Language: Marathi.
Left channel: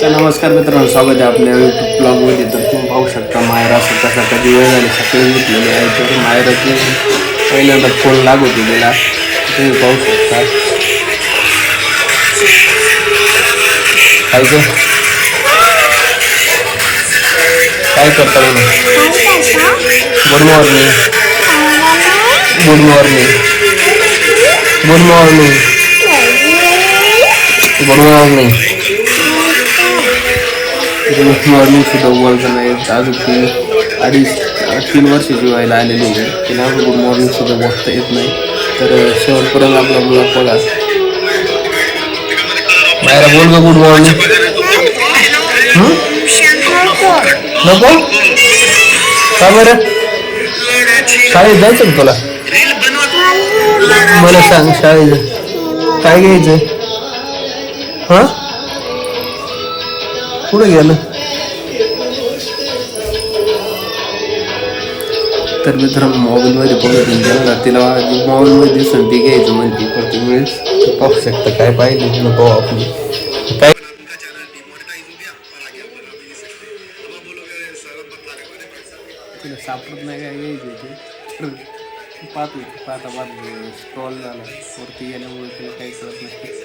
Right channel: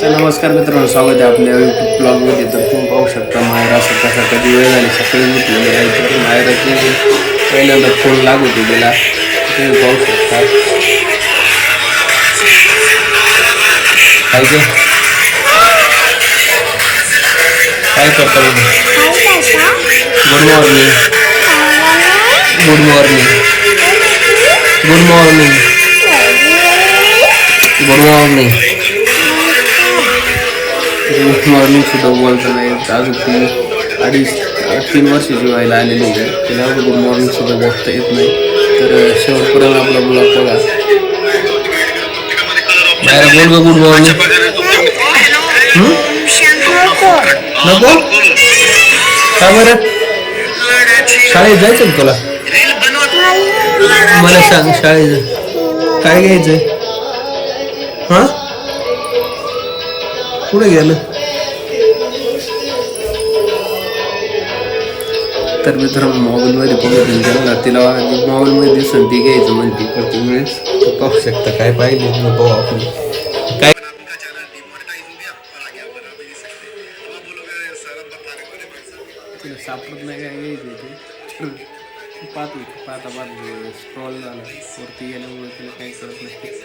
तर नमस्कार मित्रांनो, स्वागत आहे आपल्या यूट्यूब ब्लॉगमध्ये. तर तुम्ही पाहू शकता मायरा कसा कधी वेळ झाली सकाळी उठलेली आहे. तर मायराचे पहिल्यांदा फोन लागू दिलेला तुम्ही पाहू शकता. काय ग काय करता बघा. Good morning, good morning, good morning, good morning. Good morning सुद्धा बोलता नाही. अजून ती 3 वर्षाची व्हायला आलेली आहे. तिला गुड मॉर्निंग सुद्धा बोलता येत नाही. तर शेवटपर्यंत आपला ब्लॉग बघा. बाहेर बोल ग गुड मॉर्निंग. नको का बरं? शाळेत जायचं का तुला? मला सांग शाळेत काय घ्यायचंय? हा कुठे गेलं? तर मित्रांनो मोबाईलमध्ये बघितलं त्यांना तिला मोबाईलमध्ये दिसून ती घ्यायचं म्हणते प्रत्येक वेळेस. पाहू शकता काय पाहिजे नको आपण काय तिला सापडत नाही काय घ्यायचं ते पाहत पाहता स्क्रॉल झाला वरती गेल्यामुळे तिला काही कळत नाही.